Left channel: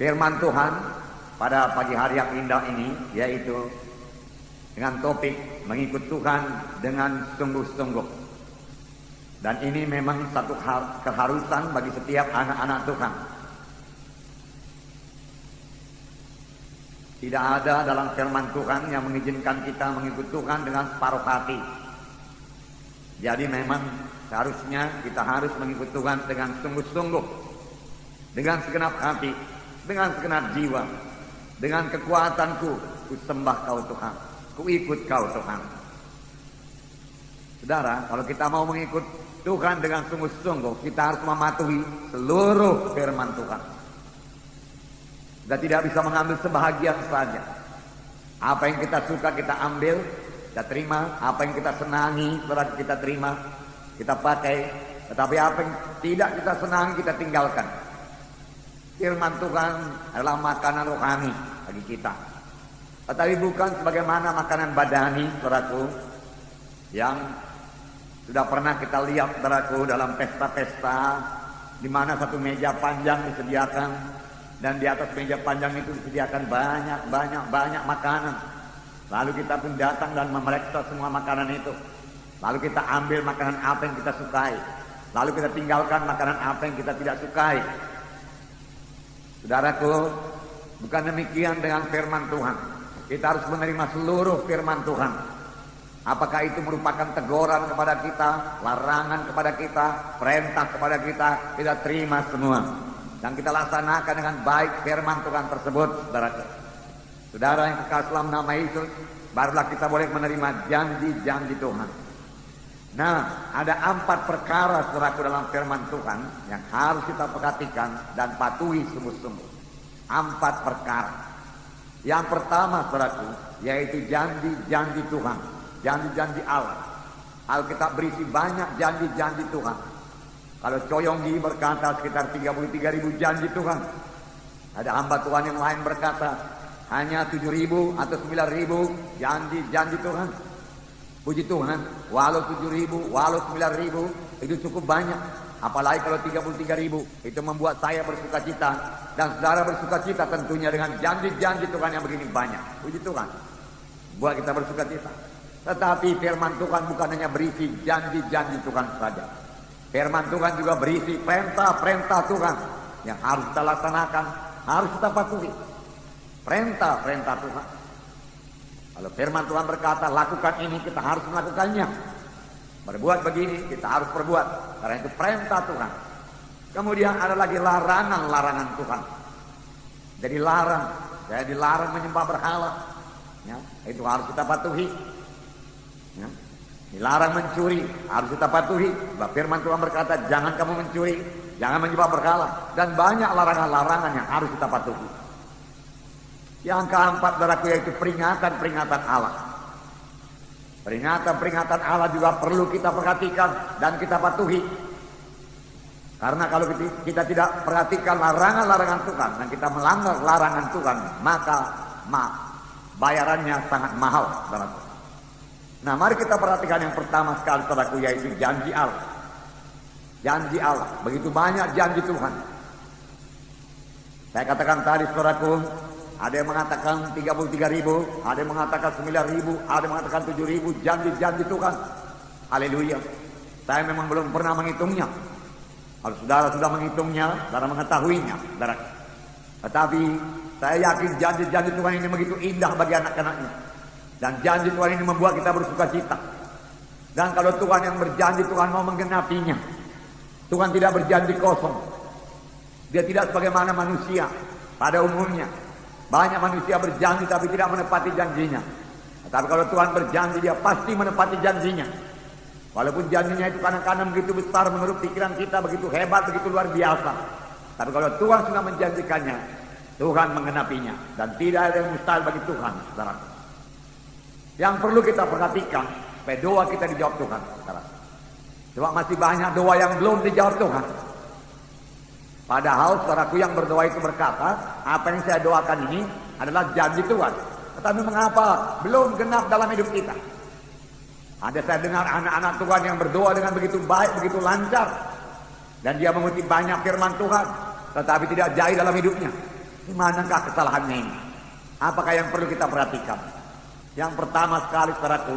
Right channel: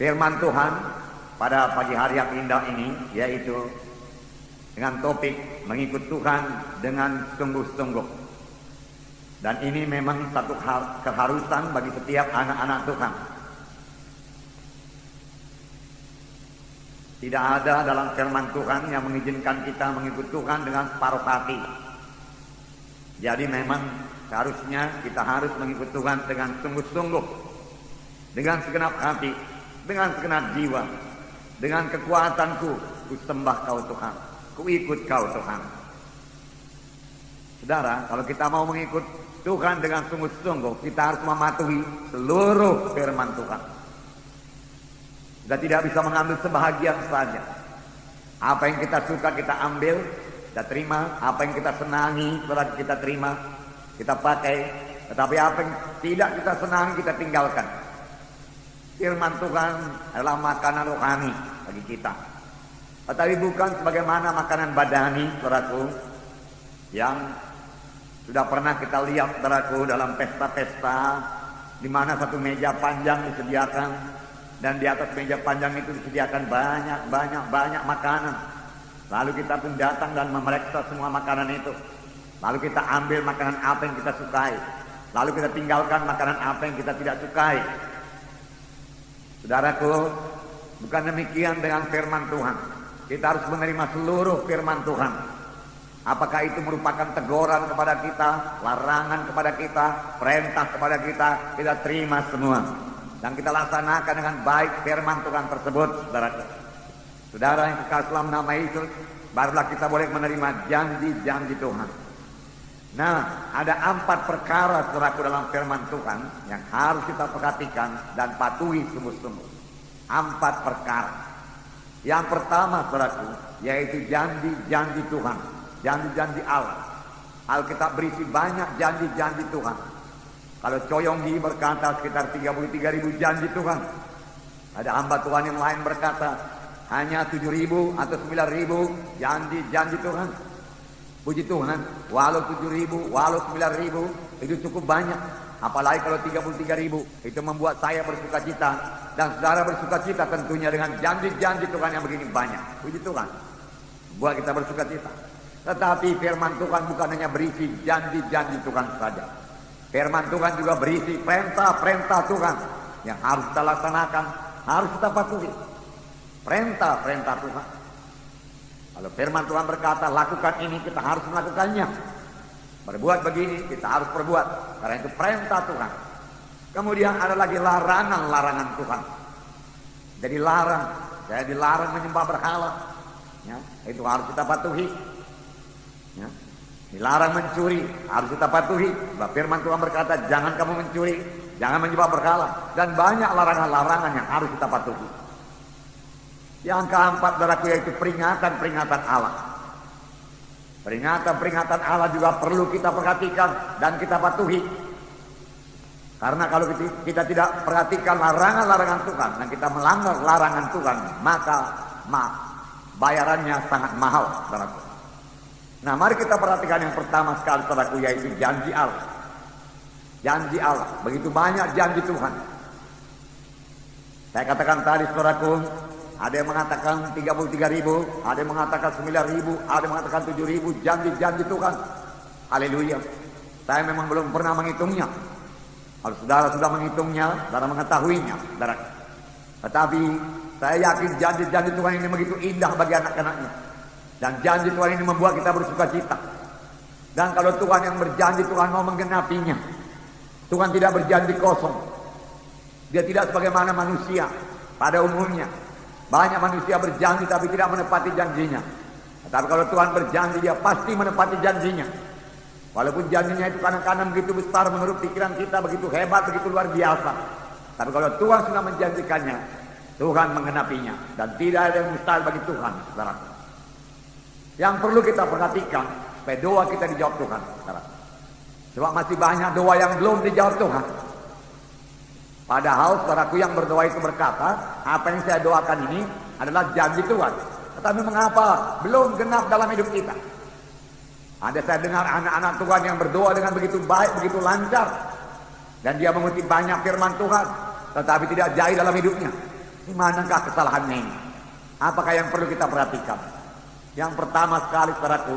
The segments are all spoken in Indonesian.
firman Tuhan pada pagi hari yang indah ini, yaitu dengan topik mengikut Tuhan dengan sungguh-sungguh. Dan ini memang satu keharusan bagi setiap anak-anak Tuhan. Tidak ada dalam firman Tuhan yang mengizinkan kita mengikut Tuhan dengan separuh hati. Jadi memang seharusnya kita harus mengikut Tuhan dengan sungguh-sungguh, dengan segenap hati, dengan segenap jiwa, dengan kekuatanku, ku sembah Kau Tuhan, ku ikut Kau Tuhan. Saudara, kalau kita mau mengikut Tuhan dengan sungguh-sungguh, kita harus mematuhi seluruh firman Tuhan. Kita tidak bisa mengambil sebahagian saja. Apa yang kita suka kita ambil, kita terima. Apa yang kita senangi kita terima, kita pakai. Tetapi apa yang tidak kita senangi kita tinggalkan. Firman Tuhan adalah makanan rohani bagi kita. Tetapi bukan sebagaimana makanan badani, saudaraku, yang sudah pernah kita lihat, saudaraku, dalam pesta-pesta di mana satu meja panjang disediakan. Dan di atas meja panjang itu disediakan banyak makanan. Lalu kita pun datang dan memeriksa semua makanan itu. Lalu kita ambil makanan apa yang kita sukai. Lalu kita tinggalkan makanan apa yang kita tidak sukai. Saudaraku, bukan demikian dengan firman Tuhan. Kita harus menerima seluruh firman Tuhan. Apakah itu merupakan teguran kepada kita, larangan kepada kita, perintah kepada kita terima semua. Dan kita laksanakan dengan baik firman Tuhan tersebut, saudaraku. Saudara yang kekasih dalam nama Yesus, barulah kita boleh menerima janji-janji Tuhan. Nah, ada 4 perkara, saudaraku, dalam firman Tuhan yang harus kita perhatikan dan patuhi sungguh-sungguh. 4 perkara. Yang pertama, saudaraku, yaitu janji-janji Tuhan, janji-janji Allah. Alkitab berisi banyak janji-janji Tuhan. Kalau Coyonggi berkata sekitar 33.000 janji Tuhan. Ada hamba Tuhan yang lain berkata hanya 7.000 atau 9.000 janji Tuhan. Puji Tuhan, walau 7.000, walau 9.000 itu cukup banyak. Apalagi kalau 33.000, itu membuat saya bersuka cita. Dan saudara bersuka cita tentunya dengan janji-janji Tuhan yang begini banyak. Puji Tuhan, buat kita bersuka cita. Tetapi firman Tuhan bukan hanya berisi janji-janji Tuhan saja. Firman Tuhan juga berisi perintah-perintah Tuhan yang harus kita laksanakan, harus kita patuhi. Perintah-perintah Tuhan. Kalau firman Tuhan berkata lakukan ini, kita harus melakukannya. Berbuat begini, kita harus berbuat. Karena itu perintah Tuhan. Kemudian ada lagi larangan-larangan Tuhan. Jadi saya dilarang menyembah berhala. Ya, itu harus kita patuhi. Ya. Dilarang mencuri, harus kita patuhi. Firman Tuhan berkata, jangan kamu mencuri, jangan menyembah berhala. Dan banyak larangan-larangan yang harus kita patuhi. Yang keempat, saudaraku, yaitu peringatan-peringatan Allah. Peringatan-peringatan Allah juga perlu kita perhatikan dan kita patuhi. Karena kalau kita tidak perhatikan larangan-larangan Tuhan dan kita melanggar larangan Tuhan, maka bayarannya sangat mahal, saudaraku. Nah, mari kita perhatikan yang pertama sekali, saudaraku, yaitu janji Allah. Janji Allah, begitu banyak janji Tuhan. Saya katakan tadi, saudaraku, ada yang mengatakan 33.000, ada yang mengatakan 9.000, ada yang mengatakan 7.000 janji-janji Tuhan. Haleluya. Saya memang belum pernah menghitungnya. Kalau saudara sudah menghitungnya, saudara mengetahuinya, saudara. Tetapi saya yakin janji-janji Tuhan ini begitu indah bagi anak-anaknya. Dan janji Tuhan ini membuat kita bersuka cita. Dan kalau Tuhan yang berjanji, Tuhan mau menggenapinya. Tuhan tidak berjanji kosong. Dia tidak sebagaimana manusia pada umumnya. Banyak manusia berjanji tapi tidak menepati janjinya. Tetapi kalau Tuhan berjanji, dia pasti menepati janjinya. Walaupun janjinya itu kadang-kadang begitu besar menurut pikiran kita, begitu hebat, begitu luar biasa. Tapi kalau Tuhan sudah menjanjikannya, Tuhan menggenapinya. Dan tidak ada yang mustahil bagi Tuhan, saudara. Yang perlu kita perhatikan, supaya doa kita dijawab Tuhan, saudara. Cuma masih banyak doa yang belum dijawab Tuhan. Padahal saudaraku yang berdoa itu berkata, apa yang saya doakan ini adalah janji Tuhan. Tetapi mengapa belum genap dalam hidup kita? Ada saya dengar anak-anak Tuhan yang berdoa dengan begitu baik, begitu lancar. Dan dia mengutip banyak firman Tuhan, tetapi tidak jaya dalam hidupnya. Di manakah kesalahannya ini? Apakah yang perlu kita perhatikan? Yang pertama sekali, saudaraku,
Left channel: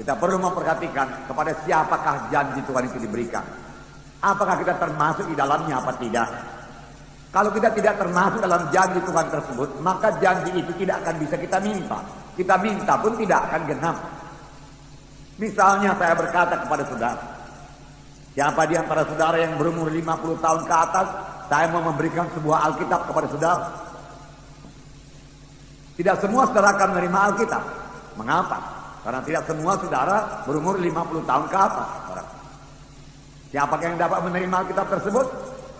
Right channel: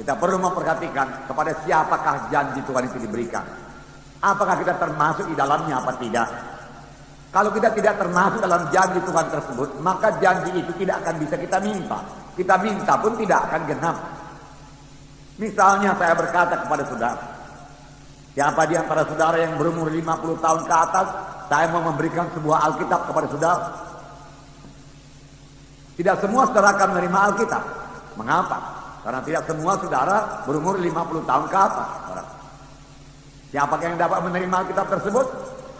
kita perlu memperhatikan kepada siapakah janji Tuhan itu diberikan. Apakah kita termasuk di dalamnya apa tidak? Kalau kita tidak termasuk dalam janji Tuhan tersebut, maka janji itu tidak akan bisa kita minta. Kita minta pun tidak akan genap. Misalnya saya berkata kepada saudara, siapa di antara saudara yang berumur 50 tahun ke atas, saya mau memberikan sebuah Alkitab kepada saudara. Tidak semua saudara akan menerima Alkitab. Mengapa? Karena tidak semua saudara berumur 50 tahun ke atas. Siapakah yang dapat menerima Alkitab tersebut?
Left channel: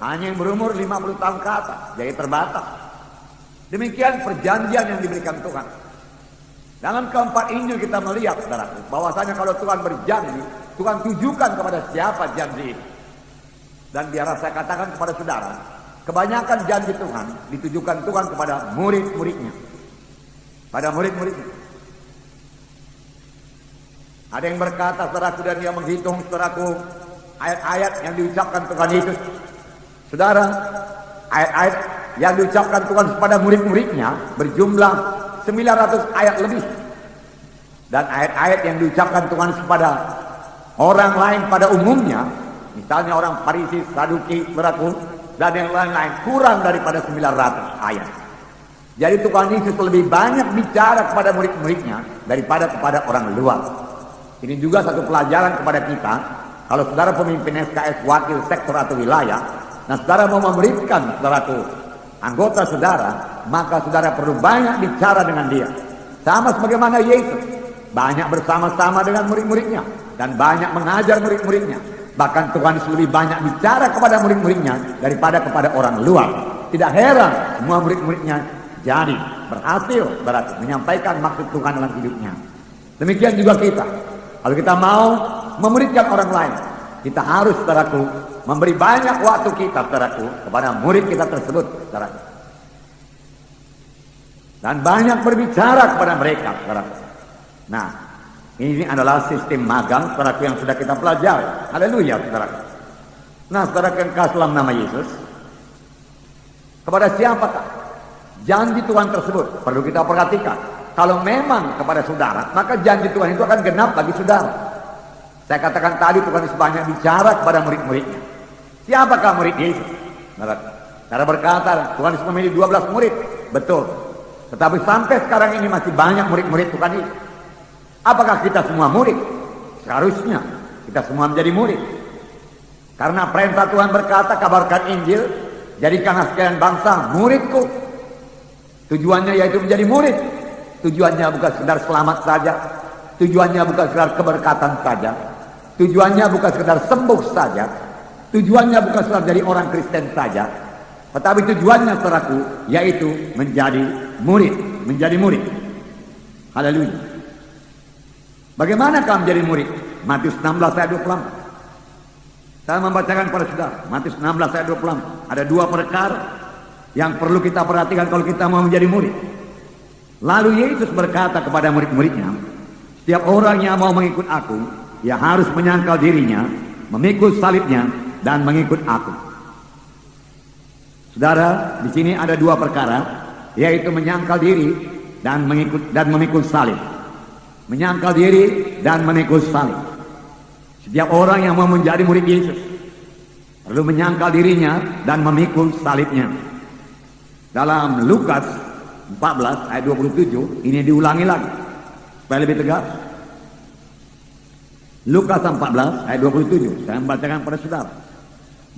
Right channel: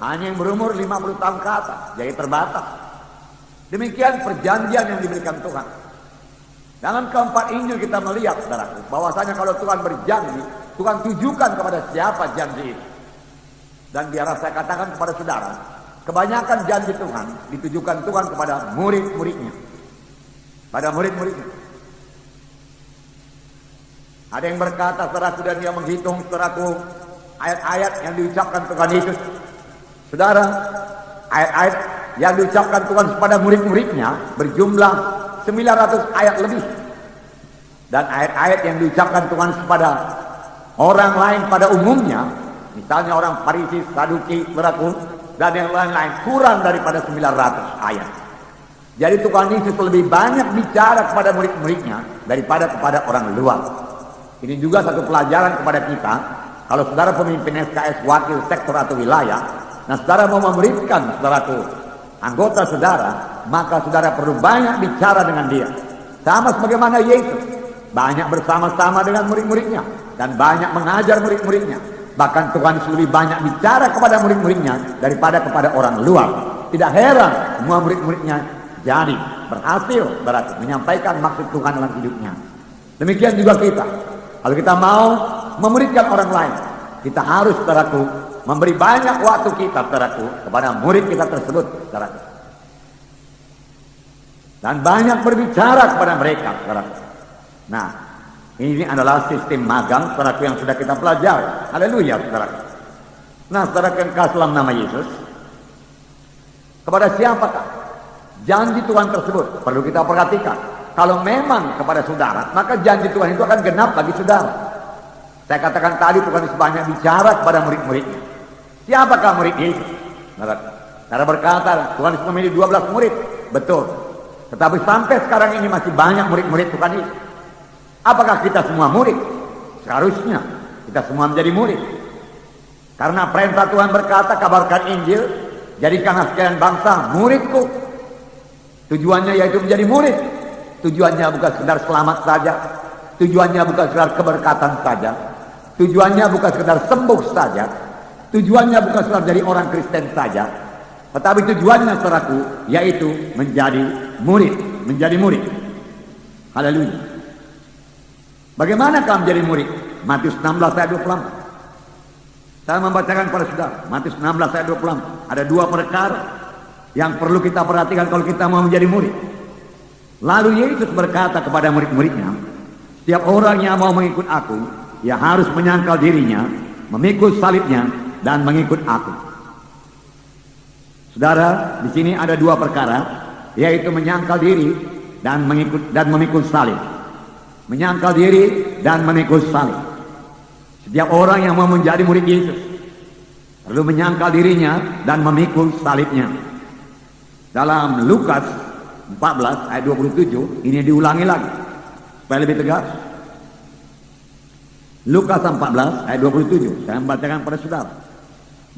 Hanya yang berumur 50 tahun ke atas. Jadi terbatas. Demikian perjanjian yang diberikan Tuhan. Dalam keempat Injil kita melihat, saudara, bahwasanya kalau Tuhan berjanji, Tuhan tujukan kepada siapa janji itu. Dan biar saya katakan kepada saudara, kebanyakan janji Tuhan ditujukan Tuhan kepada murid-muridnya. Pada murid-muridnya. Ada yang berkata, saudaraku, dan dia menghitung, saudaraku, ayat-ayat yang diucapkan Tuhan Yesus. Saudara, ayat-ayat yang diucapkan Tuhan kepada murid-muridnya berjumlah 900 ayat lebih. Dan ayat-ayat yang diucapkan Tuhan kepada orang lain pada umumnya, misalnya orang Farisi, Saduki, saudaraku, dan yang lain-lain, kurang daripada 900 ayat. Jadi Tuhan Yesus lebih banyak bicara kepada murid-muridnya daripada kepada orang luar. Ini juga satu pelajaran kepada kita. Kalau saudara pemimpin SKS, wakil sektor atau wilayah, nah saudara mau memuridkan saudaraku, anggota saudara, maka saudara perlu banyak bicara dengan dia. Sama sebagaimana Yesus, banyak bersama-sama dengan murid-muridnya dan banyak mengajar murid-muridnya. Bahkan Tuhan lebih banyak bicara kepada murid-muridnya daripada kepada orang luar. Tidak heran semua murid-muridnya jadi berhasil berarti menyampaikan maksud Tuhan dalam hidupnya. Demikian juga kita. Kalau kita mau memuridkan orang lain, kita harus, saudaraku, memberi banyak waktu kita, saudaraku, kepada murid kita tersebut, saudaraku. Dan banyak berbicara kepada mereka, saudaraku. Nah, ini adalah sistem magang, saudaraku, yang sudah kita pelajari. Haleluya, saudaraku. Nah, saudaraku yang kasih dalam nama Yesus, kepada siapakah janji Tuhan tersebut? Perlu kita perhatikan. Kalau memang kepada saudara, maka janji Tuhan itu akan genap bagi saudara. Saya katakan tadi Tuhan Yesus banyak bicara kepada murid-muridnya. Siapakah murid Yesus? Cara berkata, Tuhan Yesus memilih 12 murid. Betul. Tetapi sampai sekarang ini masih banyak murid-murid Tuhan Yesus. Apakah kita semua murid? Seharusnya kita semua menjadi murid. Karena perintah Tuhan berkata, kabarkan Injil, jadikanlah sekalian bangsa muridku. Tujuannya yaitu menjadi murid. Tujuannya bukan sekedar selamat saja. Tujuannya bukan sekedar keberkatan saja. Tujuannya bukan sekedar sembuh saja. Tujuannya bukan sekedar jadi orang Kristen saja. Tetapi tujuannya, saudaraku, yaitu menjadi murid. Menjadi murid. Haleluya. Bagaimana kamu menjadi murid? Matius 16 ayat 24. Saya membacakan kepada saudara. Matius 16 ayat 24. Ada dua perkara yang perlu kita perhatikan kalau kita mau menjadi murid. Lalu Yesus berkata kepada murid-muridnya, setiap orang yang mau mengikut aku, ia harus menyangkal dirinya, memikul salibnya, dan mengikut aku. Saudara, di sini ada dua perkara, yaitu menyangkal diri dan memikul salib. Menyangkal diri dan memikul salib. Setiap orang yang mau menjadi murid Yesus perlu menyangkal dirinya dan memikul salibnya. Dalam Lukas 14 ayat 27 ini diulangi lagi supaya lebih tegas. Lukas 14 ayat 27 saya membacakan pada saudara.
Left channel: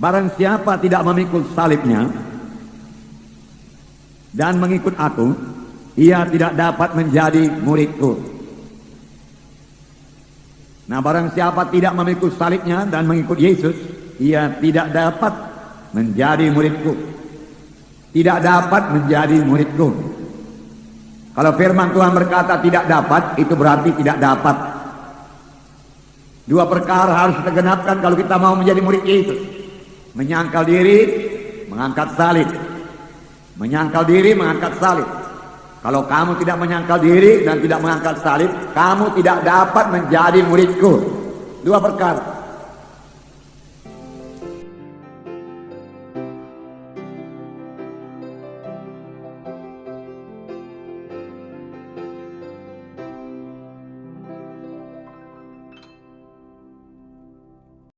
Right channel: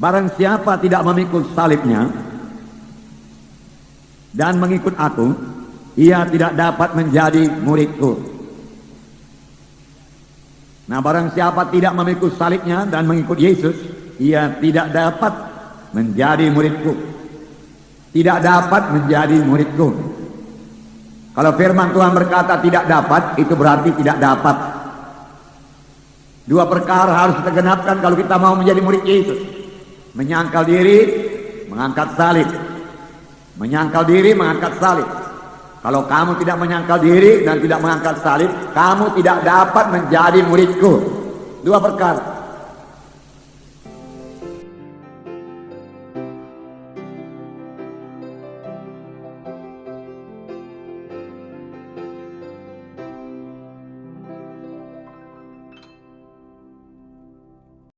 Barang siapa tidak memikul salibnya dan mengikut aku, ia tidak dapat menjadi muridku. Nah, barang siapa tidak memikul salibnya dan mengikut Yesus, ia tidak dapat menjadi muridku. Tidak dapat menjadi muridku. Kalau firman Tuhan berkata tidak dapat, itu berarti tidak dapat. Dua perkara harus kita genapkan kalau kita mau menjadi murid Yesus. Menyangkal diri, mengangkat salib. Menyangkal diri, mengangkat salib. Kalau kamu tidak menyangkal diri dan tidak mengangkat salib, kamu tidak dapat menjadi muridku. Dua perkara.